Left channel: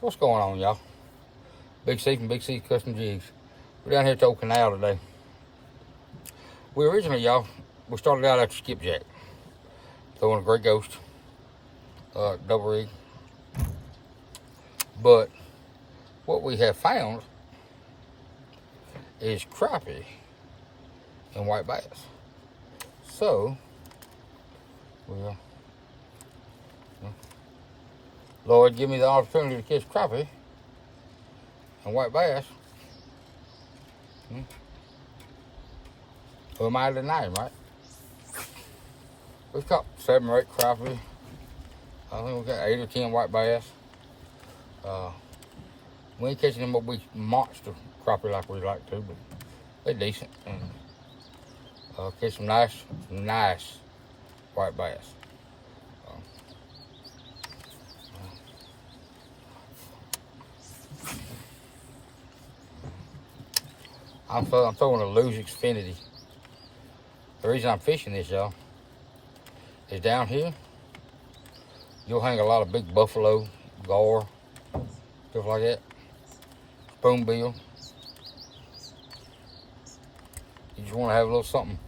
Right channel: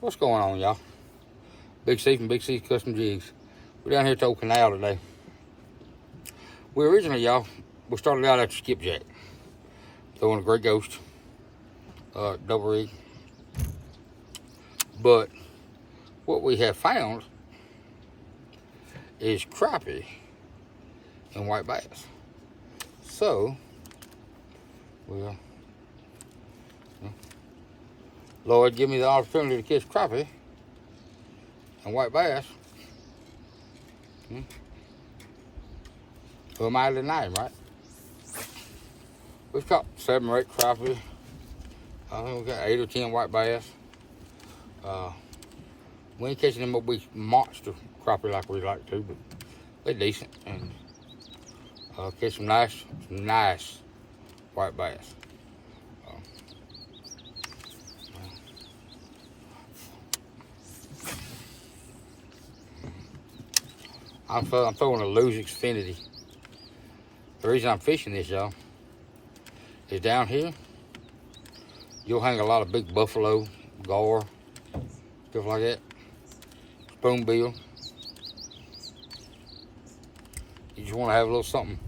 What's going on, y'all? Big C from Big C Custom Jigs. We're down here at the old canal today. We originally, y'all, we started out at the skipjack, throwing a great ghost, double rig. But what we have found is crappie and white bass. So, well, Lord, give me the opportunity to catch crappie and white bass. Who am I to deny him, right? We've caught 7 or 8 crappie. I think we got 8 or 10 white bass. We ain't catching them big monster crappie like we like to, but they're decent. And catch some nice white bass. I'm throwing a Lose Xfinity. The reason I'm fishing this, y'all, is down here, you'll hang a lot of big buffalo, gar, stuff like that, spoonbill. You just want to have a little something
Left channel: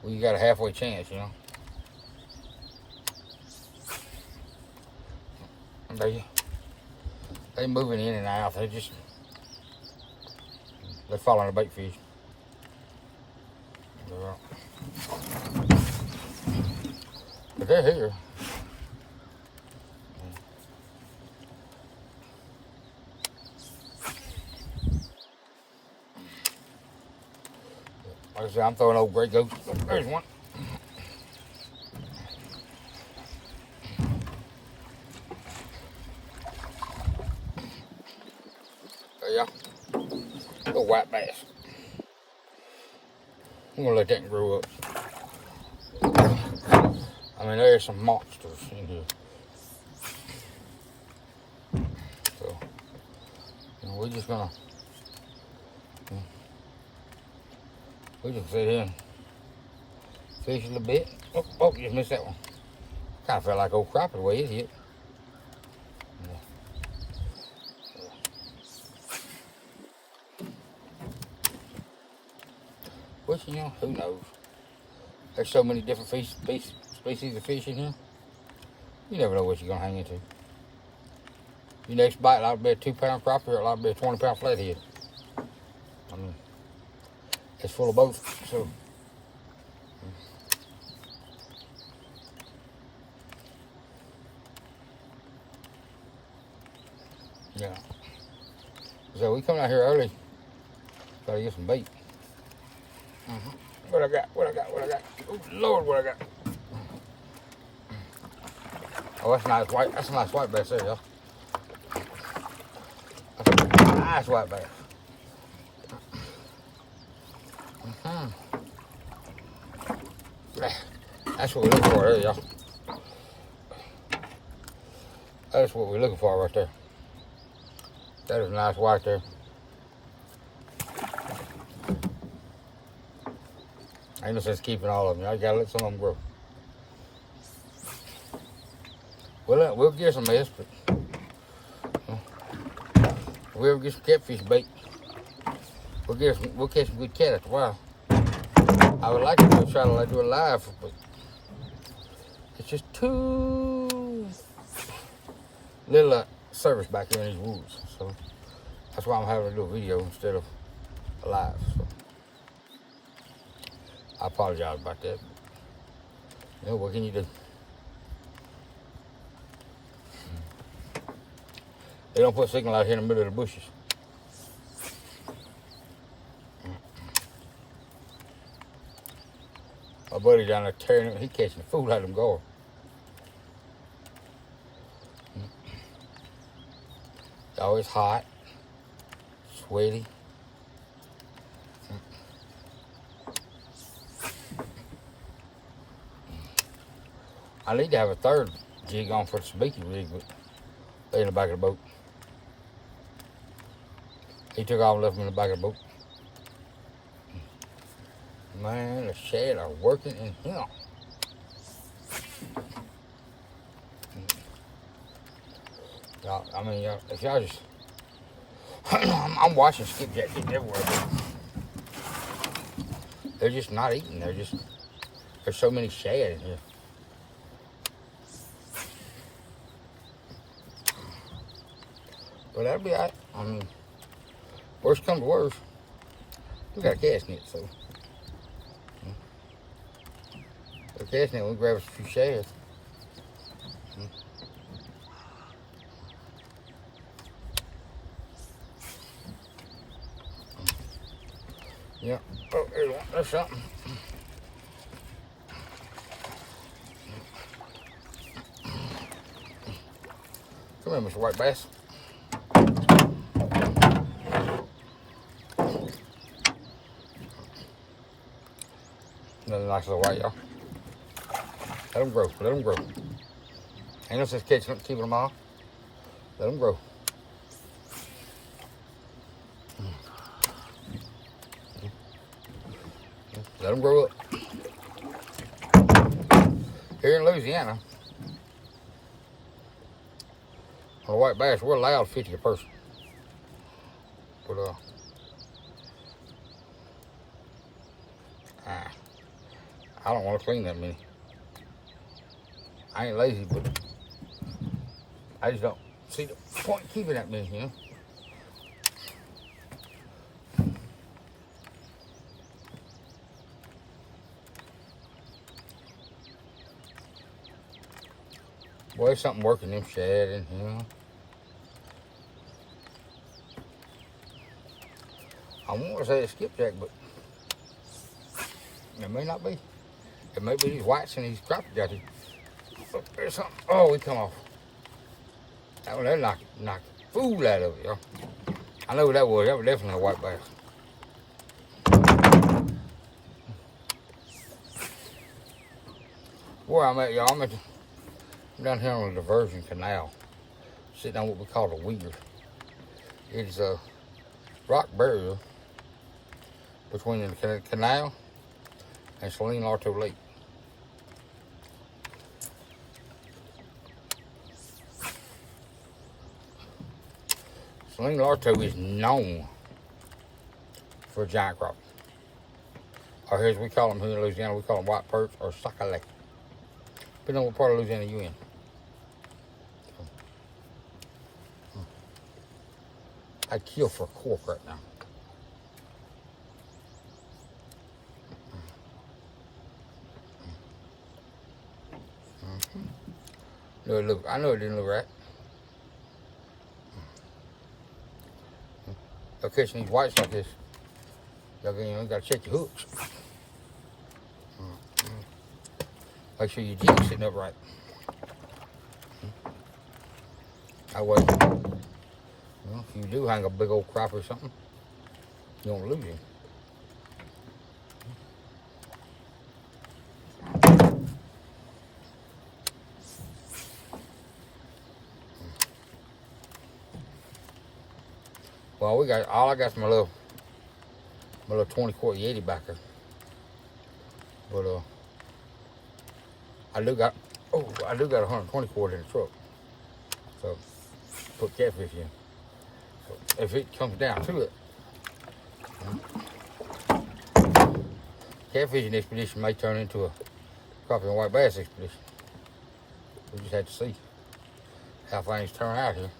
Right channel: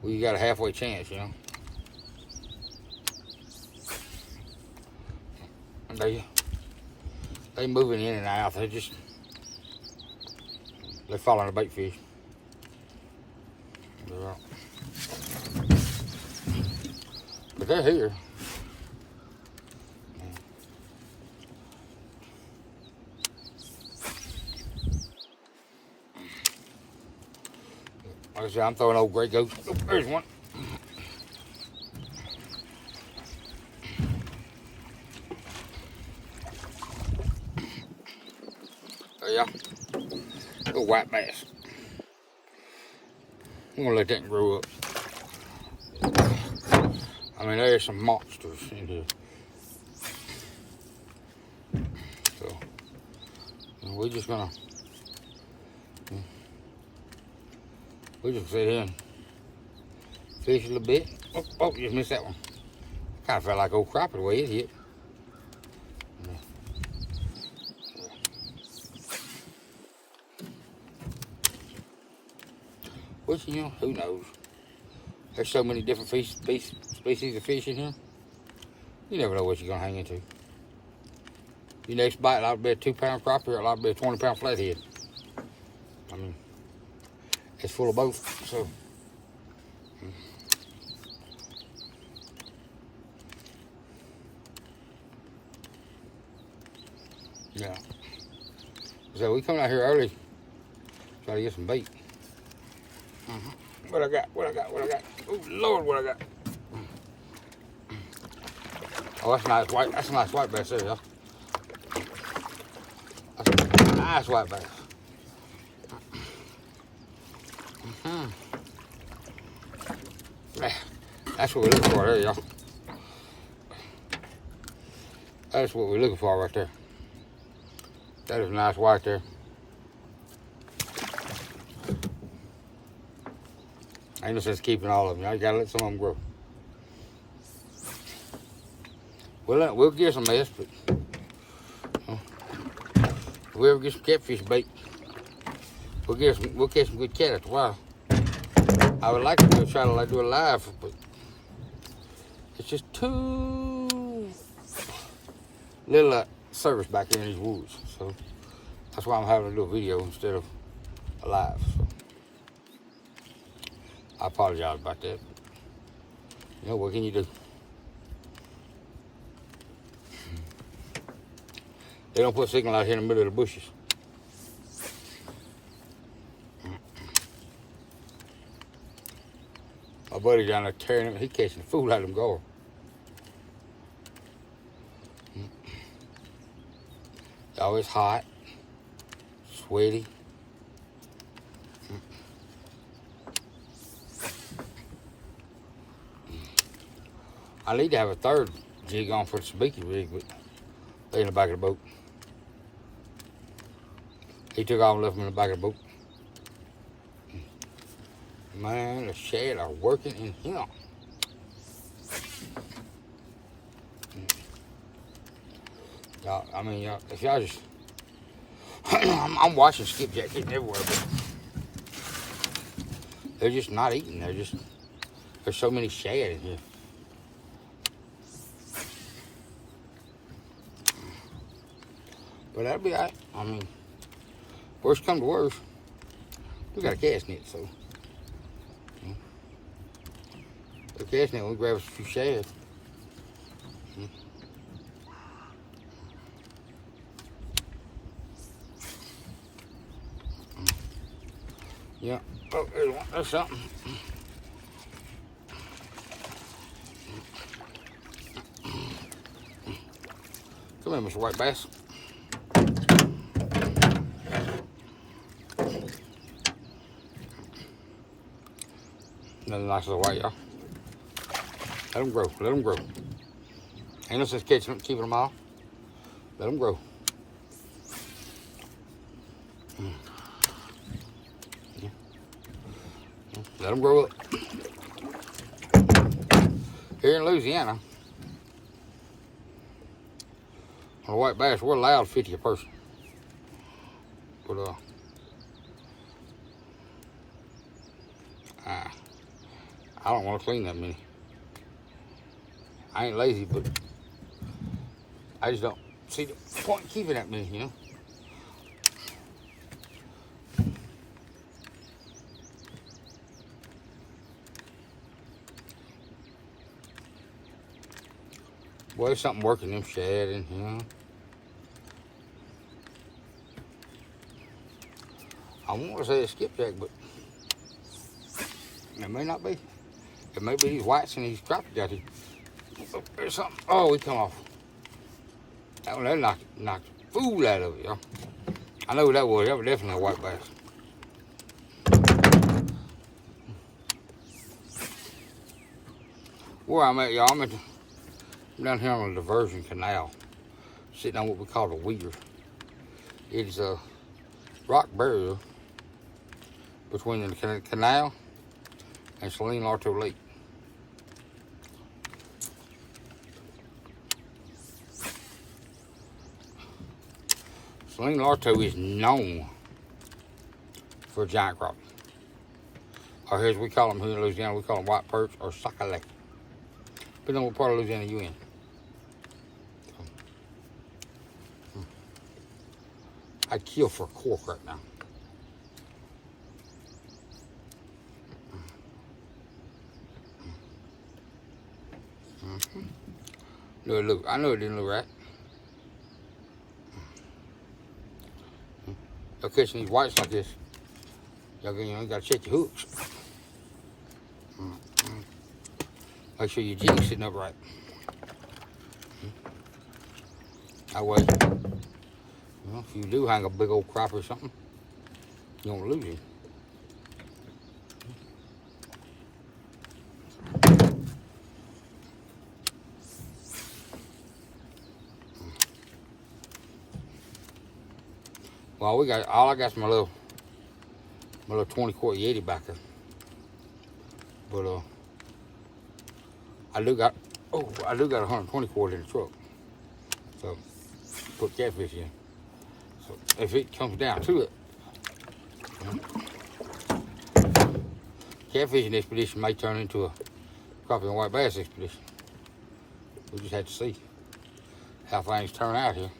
where you got a halfway chance, you know. And they moving in and out. They're following a bait fish. But they're here. Like I said, I'm throwing old gray ghost. Oh, there's one. There you go. Little white bass. I'm gonna let that grow up. I mean, there's some monsters in here. So, we're just gonna sit here and fish a little bit. Oh, just missed that one. Kind of felt like old crappie the way it hit. Which, you know, who knows? There's so many different species of fish in here. You never know what you're gonna hang into. Your next bite like to be a 2-pound crappie or like to be a 20-pound flathead. I mean, it's full of both. So, yeah. So we come out here early, try to get some bait. What I got? Oh Lord, what I got? Oh, that's a nice white. That's a nice white bass there, y'all. That's a nice white bass. That's what we're looking for there, y'all. That's what we're looking for right there. That is a nice white there. Ain't no sense keeping all of them. You gotta let some of them grow. We'll get some mess, but we'll get some catfish bait. We'll catch some good cat after a while. I would like to try to do it live, but it's just too little service back here in these woods. So that's why I'm having to do a video instead of a live. So I apologize about that. You know, what can you do? They don't put signal out here in the middle of the bushes. My buddy down there tearing him, he catching the fool out of them gar. It's always hot, sweaty. I need to have a third jig on for the speaky rig, but they in the back of the boat. He took off and left them in the back of the boat. Man, the shad are working in here. I mean, if y'all just, I'm watching skipjack getting everywhere, but they're just not eating. There's so many shad in here. But that'll be all right. I mean, worst come to worst, we got a cast net, so. The cast net, we'll grab a few shad. Yeah. Oh, there's one. That's something. Come here, Mr. White Bass. Another nice little white, y'all. Let them grow. Let them grow. Ain't no sense catching them, keeping them all. Let them grow. Let them grow up. Here in Louisiana, on a white bass, we're allowed 50 a person. But I don't want to clean that many. I ain't lazy, but I just don't see the point in keeping that many, you know. Boy, there's something working them shad, and you know. I want to say it's skipjack, but it may not be. It may be these whites and these crappie got here. Oh, there's something. Oh, we come off. That one, that knocked the fool out of it, y'all. I know what that was. That was definitely a white bass. Where I'm at, y'all, I'm down here on the diversion canal, sitting on what we call the weir. It's a rock barrier between the canal and Saline Larto Lake. Saline Larto is known for giant crappie. Or as we call them here in Louisiana, we call them white perch or sacalé. Depending on what part of Louisiana you're in. I'd kill for a cork right now. I know it didn't look right. Y'all catching these whites like this, y'all gotta check your hooks. Make sure your jig's sitting up right. That way, if you do hang a big old crappie or something, you don't lose it. Well, all I got is my little 20-quart Yeti back there. But I do got a 120 quart in the truck. So put catfish in. So if it comes down to it, catfishing expedition may turn into a crappie and white bass expedition. We just have to see how things turn out here.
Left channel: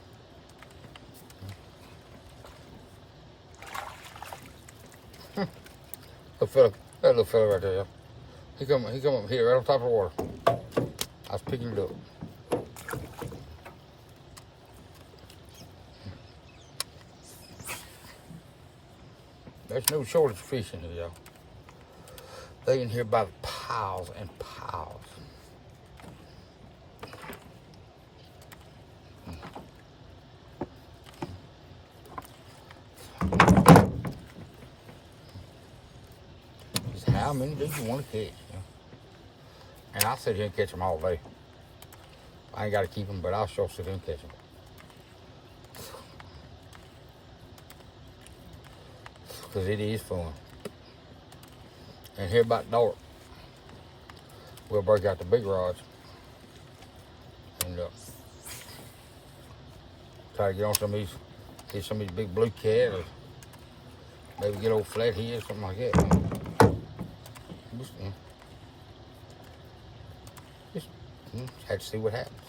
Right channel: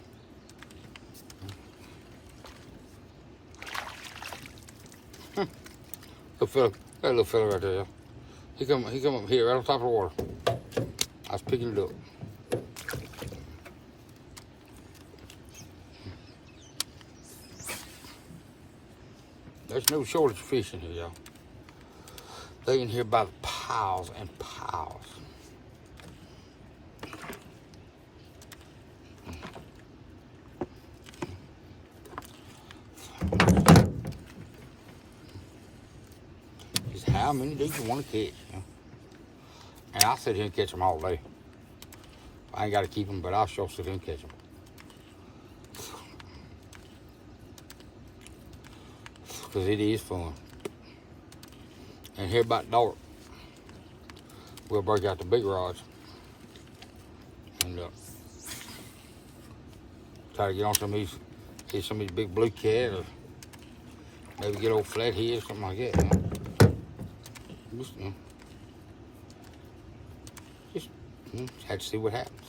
That little fella right there, y'all. He come up here right on top of the water. I was picking it up. There's no shortage of fish in here, y'all. They in here by the piles and piles. Just how many do you want to catch? You know? And I'll sit here and catch them all day. I ain't got to keep them, but I'll sure sit here and catch them. Because it is fun. And here about dark, we'll break out the big rods. And try to get on some of these, get some of these big blue cat, or maybe get old flathead, something like that. Just, have to see what happens.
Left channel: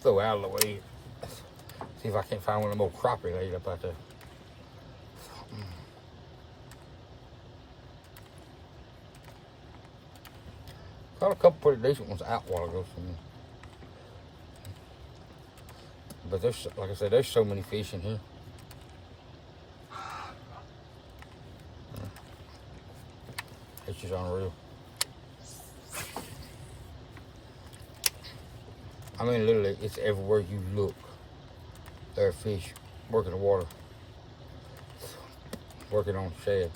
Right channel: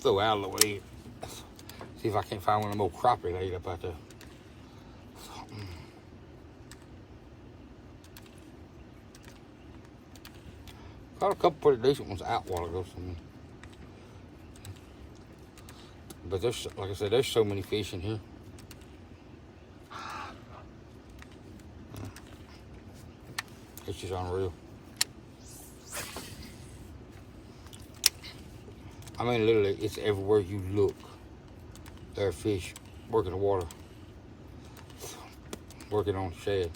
Throw out of the way. See if I can't find one of them old crappie laid up out there. Got a couple pretty decent ones out a while ago. But there's, like I said, there's so many fish in here. It's just unreal. I mean, literally, it's everywhere you look. There are fish working the water, working on shad.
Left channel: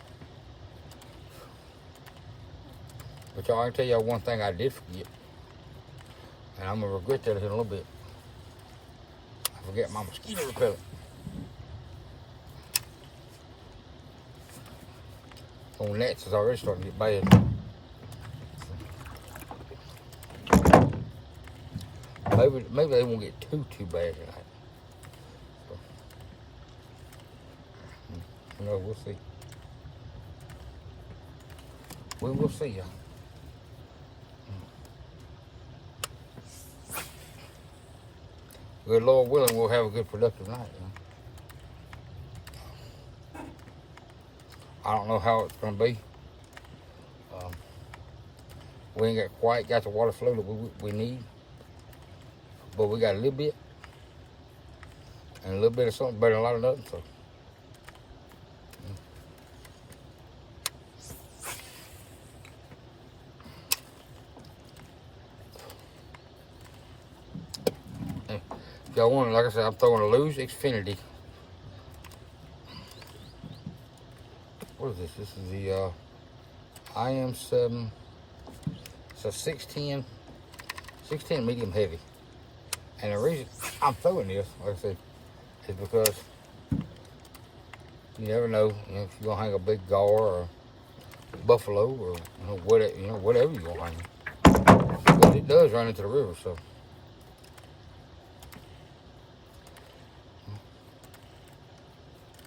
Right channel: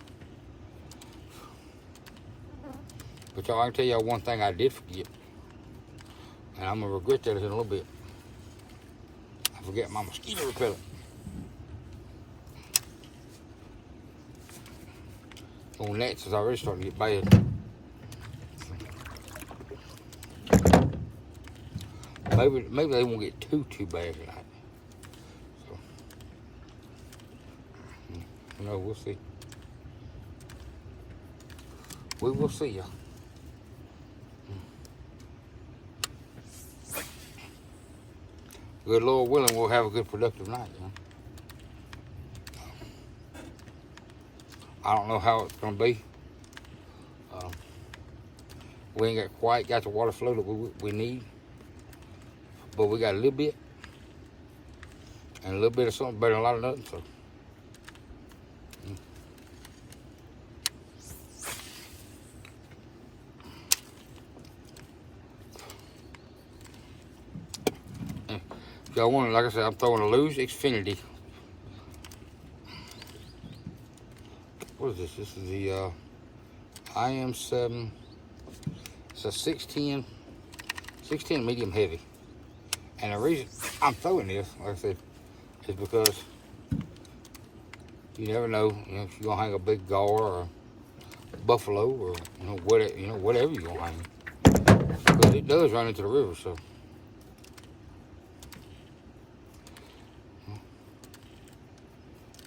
But y'all, I can tell y'all one thing I did forget, and I'm gonna regret that in a little bit. I forgot my mosquito repellent. On gnats is already starting to get bad. Maybe they won't get too bad tonight. So, you know, we'll see. We will see, y'all. Good Lord willing, we'll have a good productive night, you know. I don't know how it's gonna be. We ain't quite got the water flow that we need, but we got a little bit, and a little bit of something better than a lot of nothing. So, if y'all want, like I said, I'm throwing a Lose Xfinity. What is this? This is the IM7. It's a 610 medium heavy. And the reason I'm throwing this, like I said, is because you never know, if you're gonna hang a big gar or buffalo or whatever you're gonna hang. But it does run into the river, so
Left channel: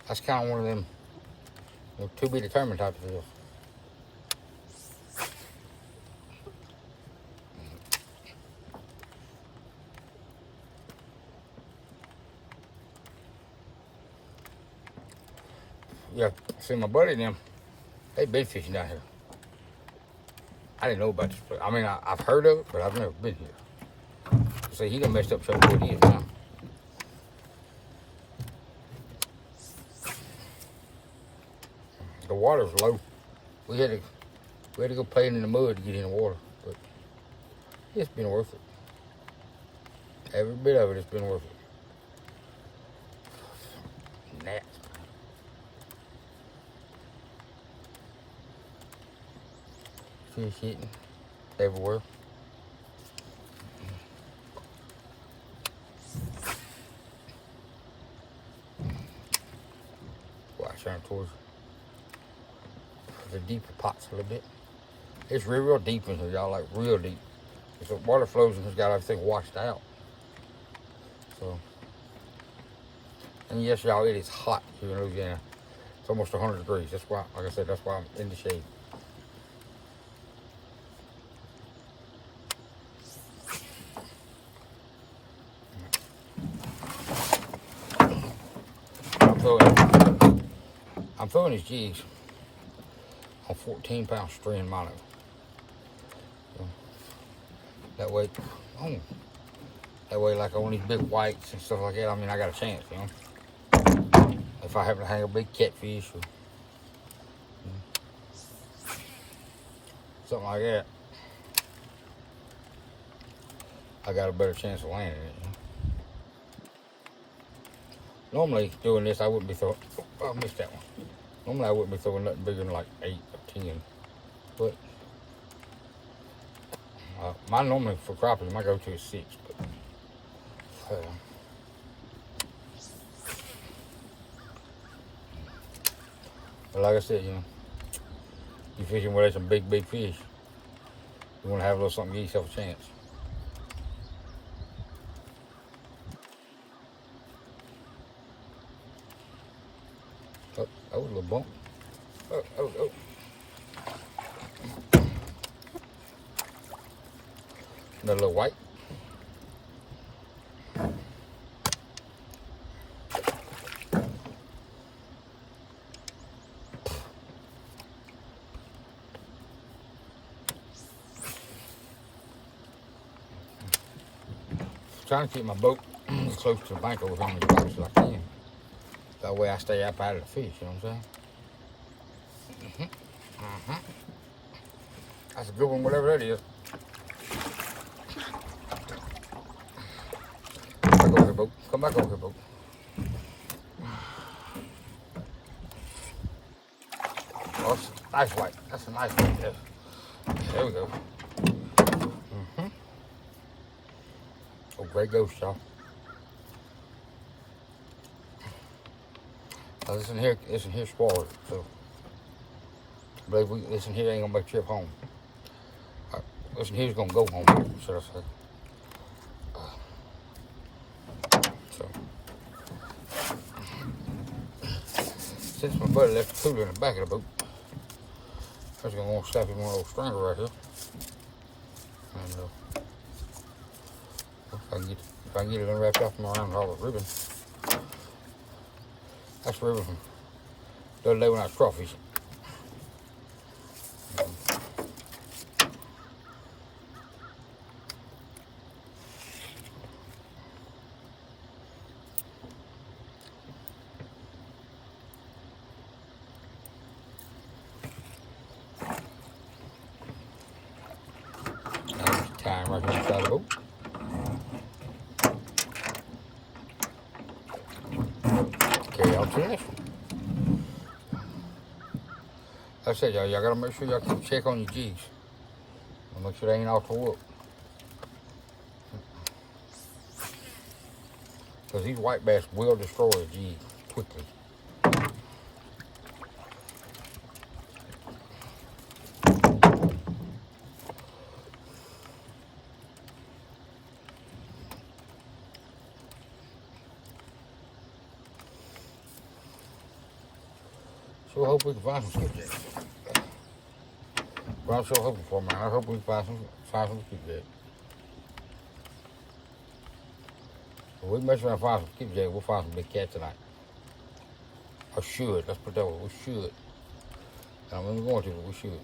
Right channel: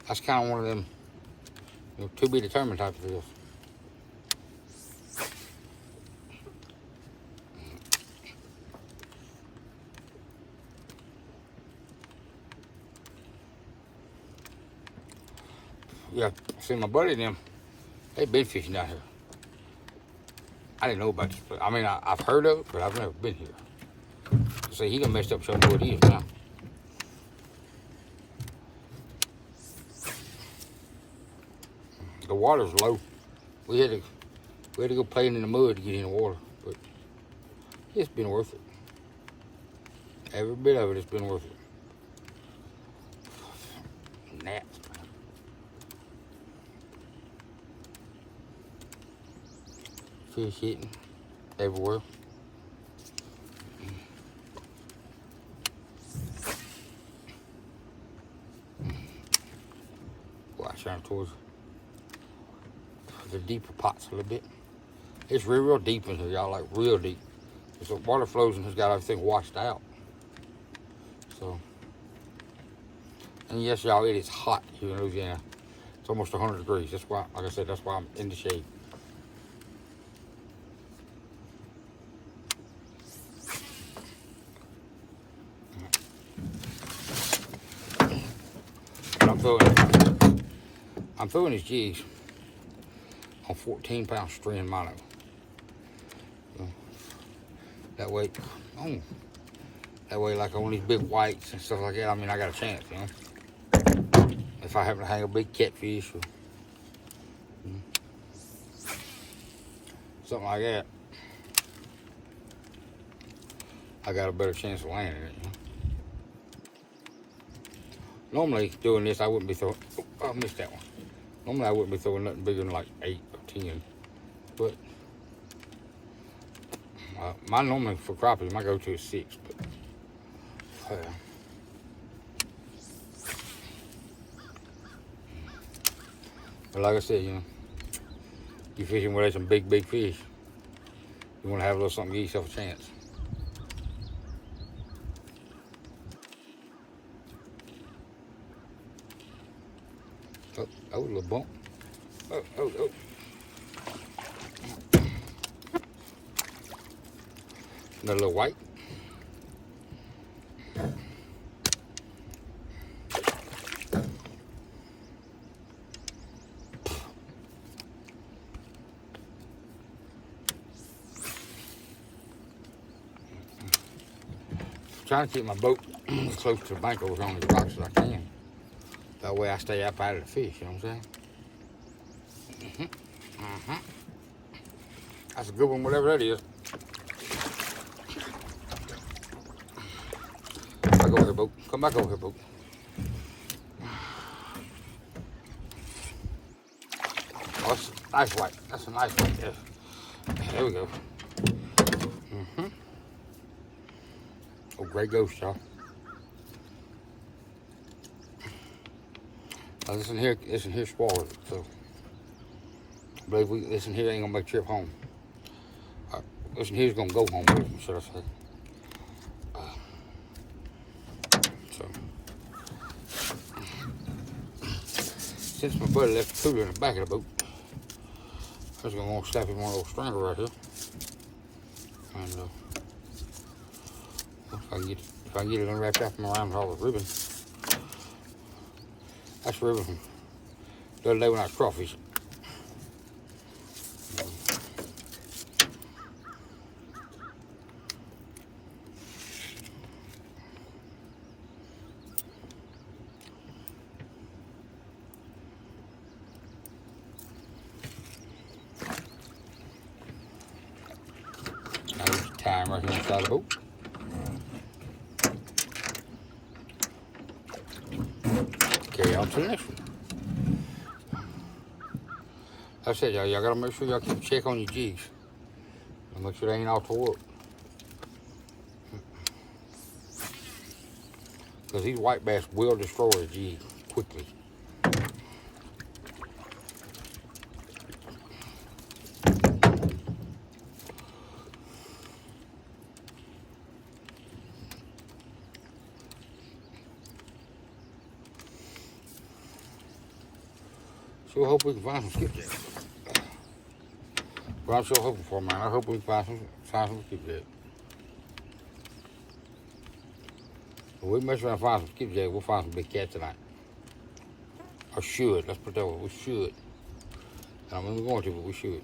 that's kind of one of them to be determined type of deals. Yeah, see, my buddy and them, they've been fishing out here. I didn't know about this place. I mean, I've heard of it, but I've never been here. See, he done messed up some what he is now. The water's low. We had to go playing in the mud to get in the water, but it's been worth it. Every bit of it has been worth it. Gnats. Fish hitting everywhere. Watch out towards the deeper pots a little bit. It's real deep in here, y'all, like real deep. The water flows and has got everything washed out. So, and yes, y'all, it is hot here in Louisiana. It's almost 100 degrees. That's why, like I said, that's why I'm in the shade. I'm throwing these jigs on 14-pound string mono. So that way, like on these big whites and stuff like that, I mean, I got a chance, you know. If I happen to hang a big catfish or something like that, I got a better chance of landing it, you know. Normally, doing this, I wouldn't be throwing. Oh, I missed that one. Normally, I wouldn't be throwing nothing bigger than like 8 or 10. But my normally for crappie, my go-to is 6. But like I said, you know, You fishing where there's some big fish. You want to have a little something to give yourself a chance. Oh, a little bump. Oh. Another little white. Trying to keep my boat as close to the bank over on these rocks as I can. That way I stay up out of the fish, you know what I'm saying? That's a good one, whatever that is. Come back over here, boat. Come back over here, boat. Oh, that's a nice white. That's a nice one, yes. There we go. Oh, great ghost, y'all. Now, this in here swallowed, so I believe this in here ain't gonna make a trip home. This in here's gonna go home, should I say. Since my buddy left the cooler in the back of the boat, I was gonna want to slap him one of those stringers right here. And if I can get it unwrapped after my around with all the ribbon. That's the ribbon from the other day when I was crawfishing. Time right here inside the boat. Carry out to the next one. Like I said, y'all gotta make sure y'all keep check on your jigs. And make sure they ain't all tore up. Because these white bass will destroy a jig quickly. So I hope we can find some skipjacks. Well, I'm so hoping for, man. I hope we can find some skipjacks. If we mess around and find some skipjacks, we'll find some big cats tonight. Or should. Let's put that way. We should. I mean, we're going to, but we should.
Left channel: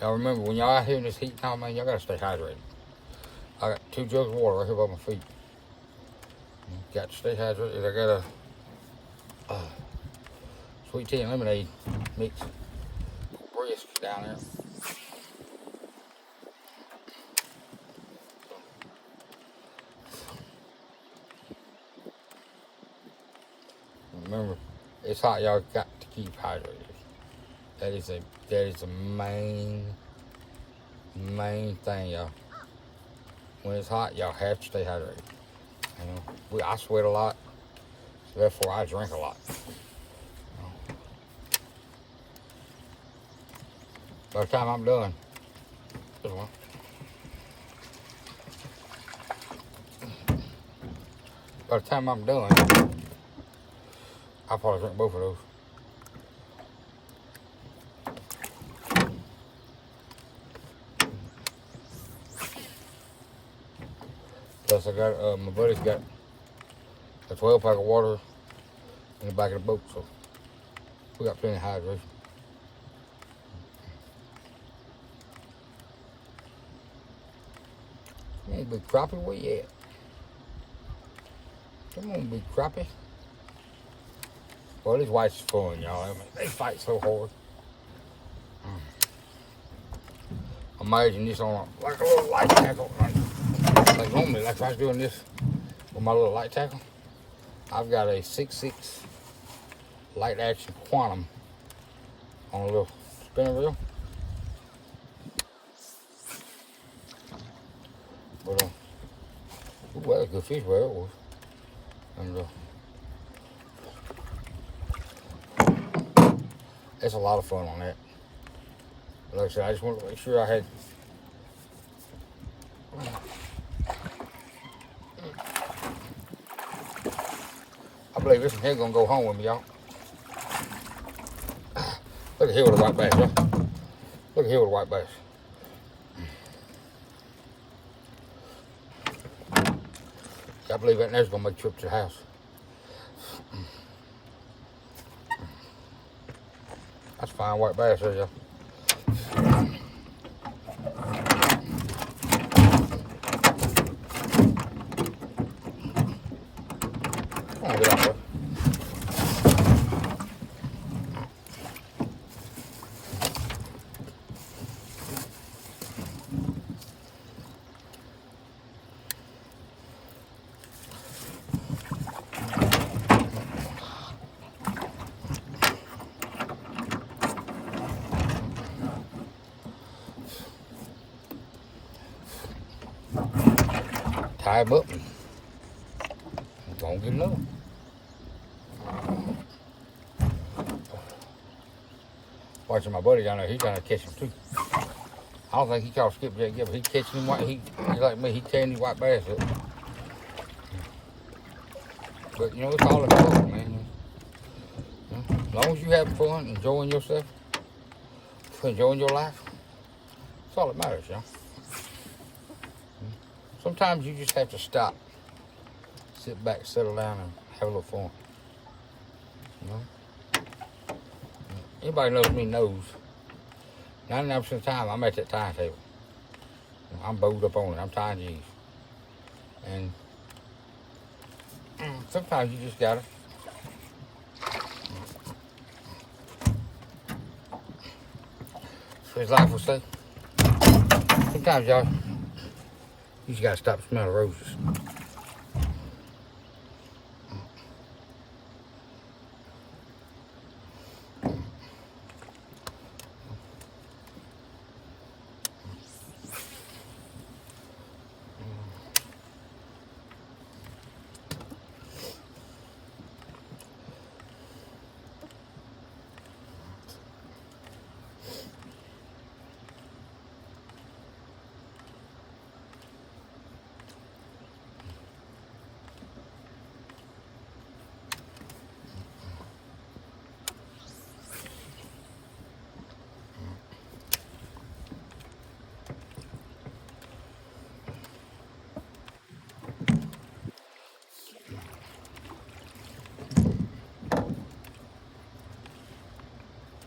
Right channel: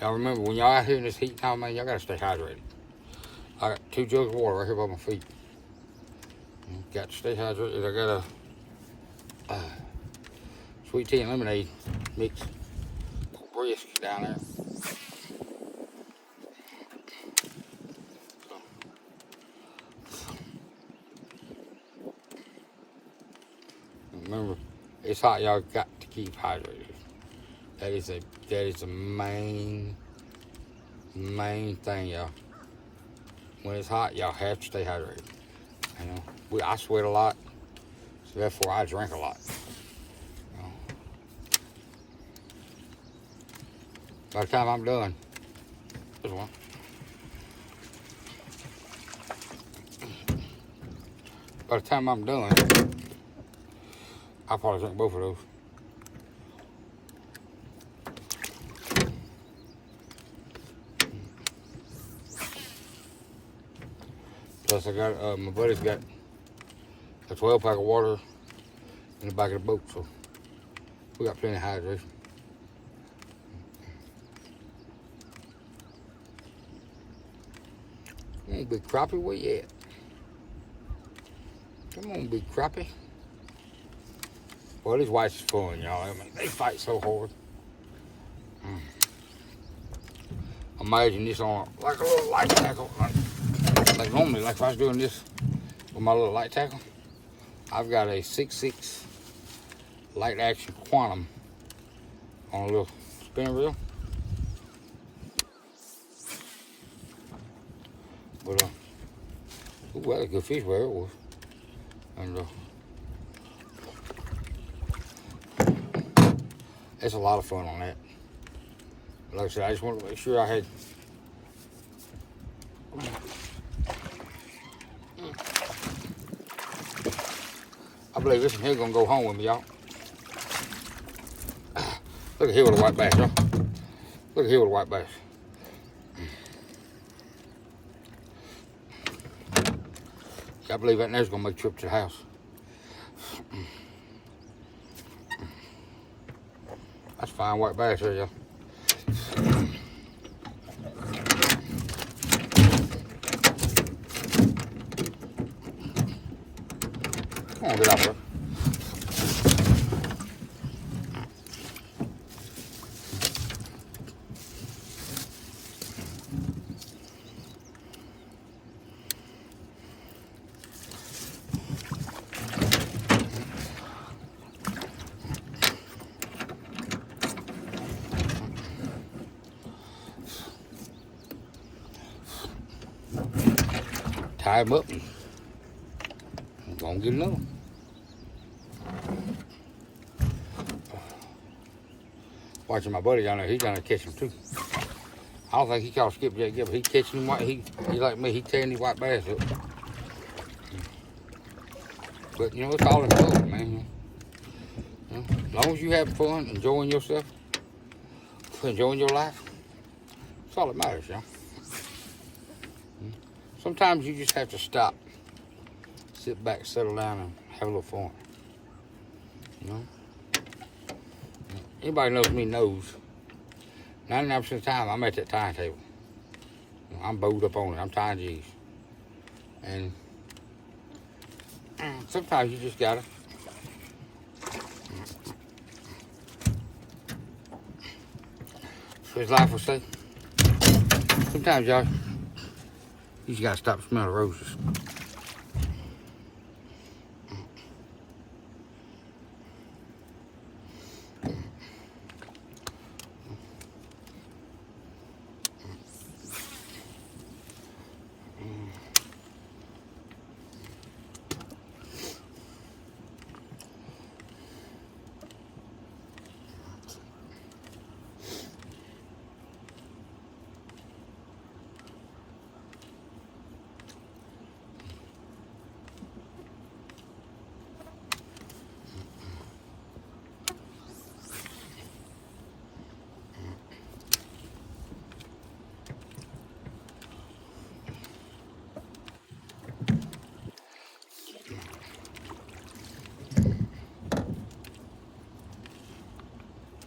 Now remember, when y'all out here in this heat time, man, y'all gotta stay hydrated. I got 2 jugs of water right here by my feet. Got to stay hydrated. I got a sweet tea and lemonade mix. Brisk down there. Remember, it's hot. Y'all got to keep hydrated. That is the main thing, y'all. When it's hot, y'all have to stay hydrated. You know, I sweat a lot, so therefore I drink a lot. By the time I'm done, this one. By the time I'm done, I'll probably drink both of those. Plus, I got my buddy's got a 12-pack of water in the back of the boat, so we got plenty of hydration. Come on, big crappie, where you at? Come on, big crappie. Well, these whites is fun, y'all. I mean, they fight so hard. Imagine this on like a little light tackle, like normally, like if I was doing this with my little light tackle. I've got a 6.6 light action quantum on a little spinner reel. But well, that's good fish where it was. And it's a lot of fun on that. But like I said, I just wanted to make sure I had. I believe this one here gonna go home with me, y'all. Look at here with the white bass, y'all. Look at here with the white bass. I believe that there's gonna make a trip to the house. That's fine white bass there, y'all. Come on, get out there. Tie him up and don't get another. Watching my buddy down there, he's gonna catch him too. I don't think he caught skipjack yet, but he catching him. He like me, he tearing these white bass up. But you know, it's all in the boat, man. As long as you have fun, enjoying yourself, enjoying your life, that's all that matters, y'all. Sometimes you just have to stop, sit back, settle down, and have a little fun. You know? Anybody knows me knows 99% of the time I'm at that time table. You know, I'm bowed up on it. I'm tying G's. And sometimes you just gotta as life will say, sometimes y'all you just gotta stop and smell the roses.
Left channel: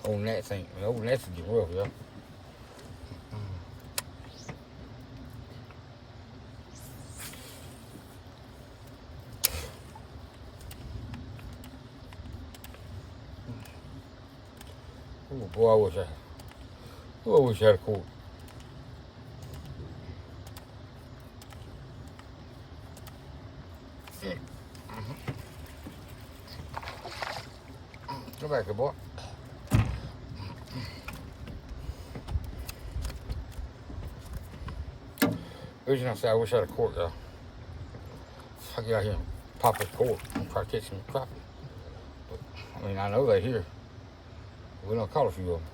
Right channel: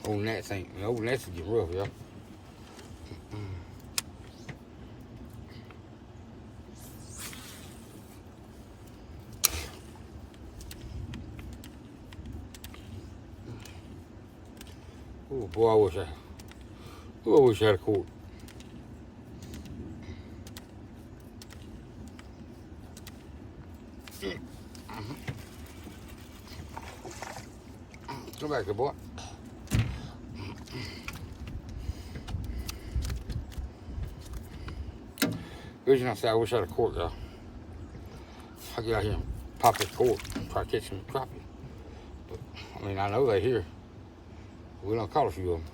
Old Nats ain't, old Nats get rough, y'all. Oh boy, I wish I had a cord. Come back here, boy. The reason I say I wish I had a cord, y'all. I get out here and pop this cord and try to catch some crappie. But, I mean, I know they're here. We don't caught a few of them.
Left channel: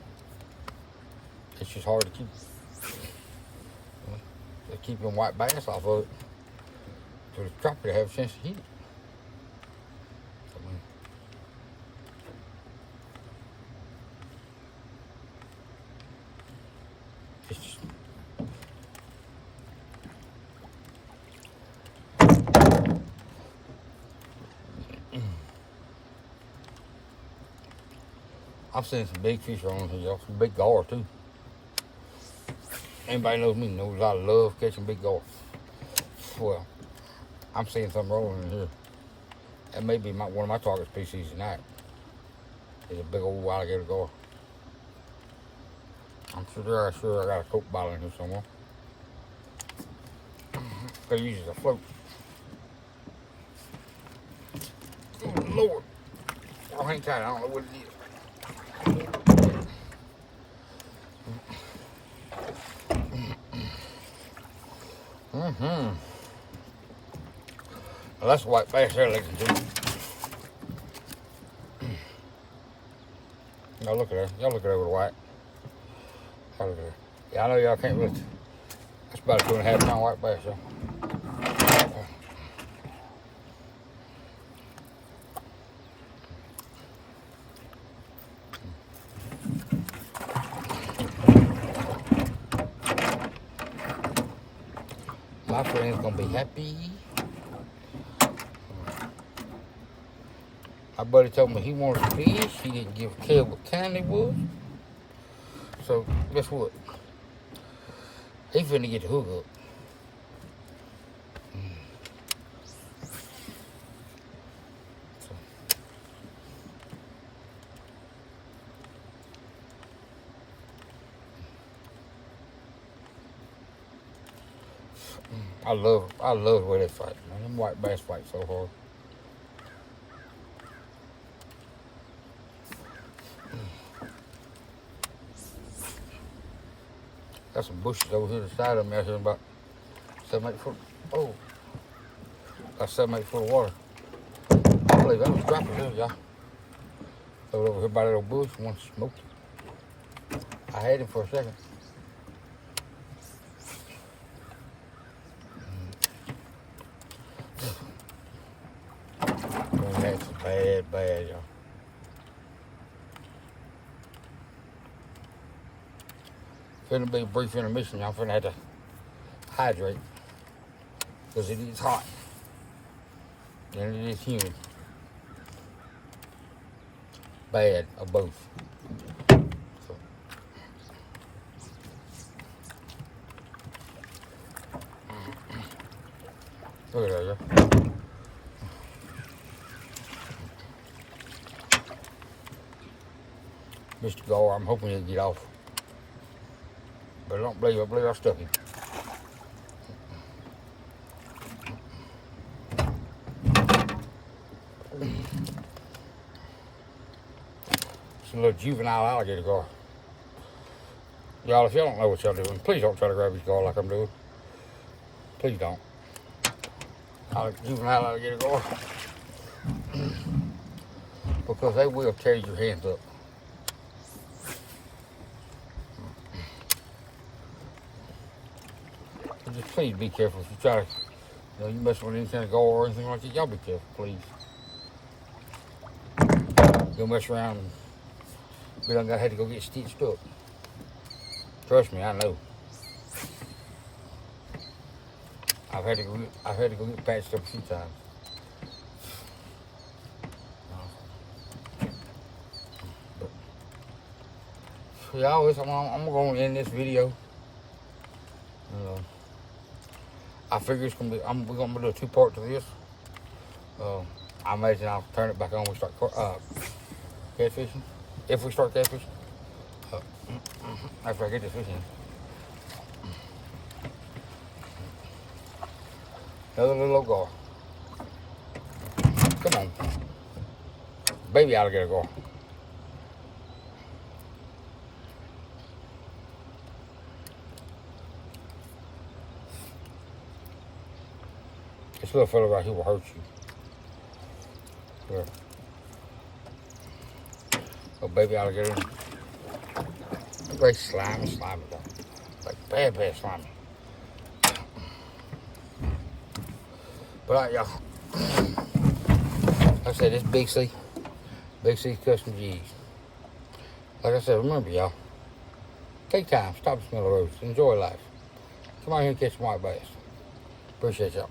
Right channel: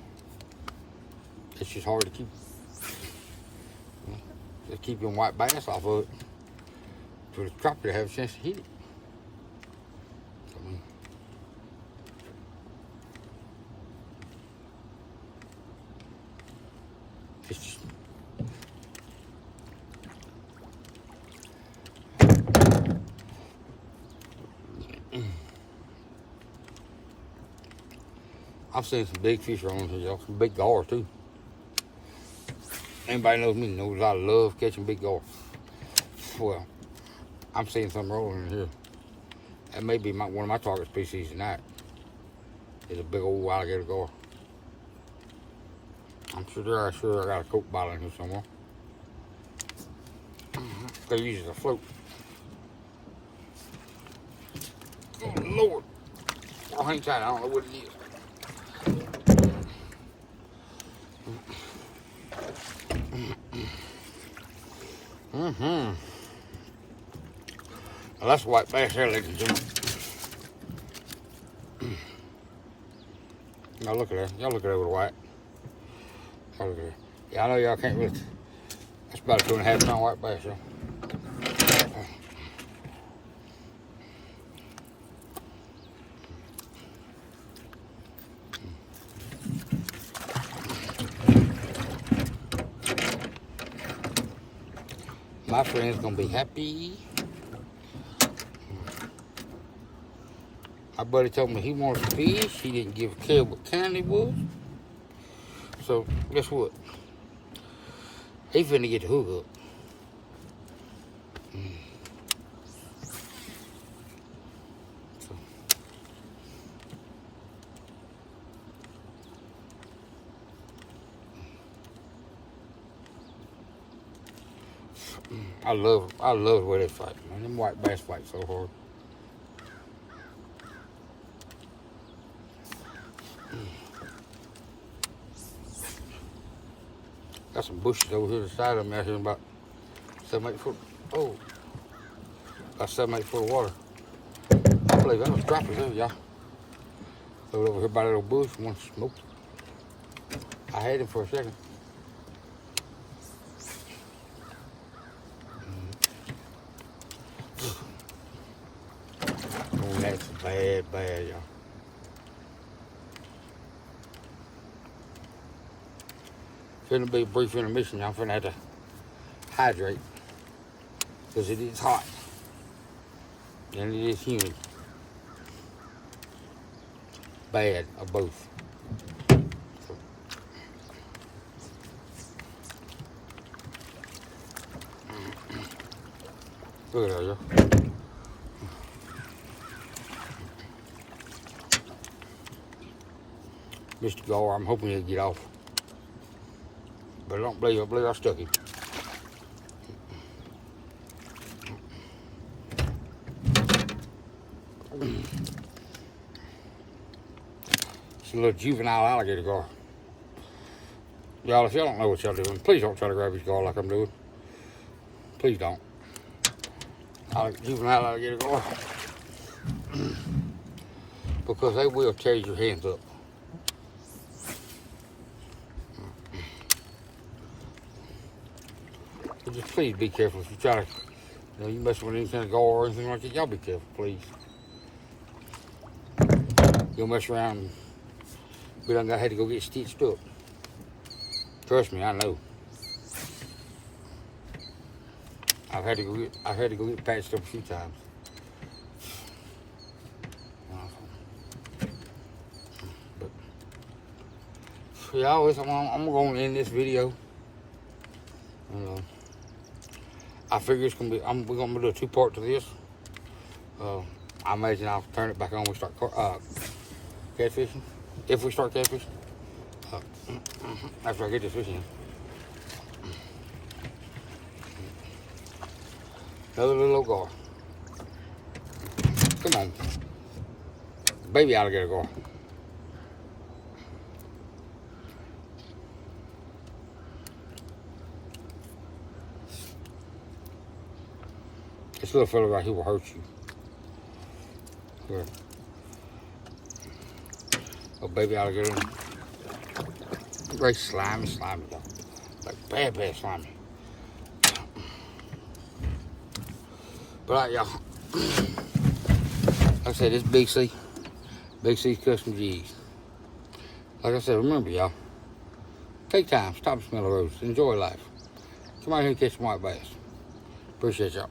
It's just hard to keep. You know, to keep them white bass off of it for the crappie to have a chance to hit it. It's just, I've seen some big fish on here, y'all. Some big gar too. Anybody knows me knows I love catching big gar. Well, I'm seeing some rolling in here. That may be one of my target species tonight. Is a big old alligator gar. I'm sure I got a Coke bottle in here somewhere. They use it as a float. Oh Lord. Oh, hang tight, I don't know what it is. Well, that's white bass there, ladies and gentlemen. Now look at her. Y'all look at her with white. Y'all look at her. Yeah, I know y'all can't really. That's about a 2.5 pound white bass, y'all. My friend's gonna be happy. My buddy told me he wanted to fish. He didn't give a care what kind it was. So guess what? He finna get the hook up. So, I love the way they fight, man. Them white bass fight so hard. Got some bushes over here to the side of me out here about 7, 8 foot. Oh, about 7, 8 foot of water. I believe that was crappie there, y'all. Over here by that little bush, one smoke. I had him for a second. Oh, that's bad, y'all. Finna be a brief intermission. I'm finna have to hydrate because it is hot and it is humid. Bad of both. So. Look at that, y'all. Mr. Gar, I'm hoping he'll get off. But I don't believe I stuck him. It's a little juvenile alligator gar. Y'all, if y'all don't know what y'all doing, please don't try to grab his gar like I'm doing. Please don't. Juvenile alligator gar. Because they will tear your hands up. But just please be careful if you try to, you mess with any kind of gar or anything like that. Y'all be careful, please. You'll mess around and we done had to go get stitched up. Trust me, I know. I've had to go get patched up a few times. Y'all, I'm going to end this video. I figure it's gonna be. We're gonna do a 2-part to this. I imagine I'll turn it back on when we start catfishing. If we start catfishing, after I get this fishing. Another little old gar. Come on, baby alligator gar. This little fella right here will hurt you. Yeah. Oh, baby alligator. Very slimy. Like bad slimy. But all right, y'all. Like I said, this Big C's Custom G's. Like I said, remember, y'all. Take time. Stop and smell the roads. Enjoy life. Come out here and catch some white bass. Appreciate y'all.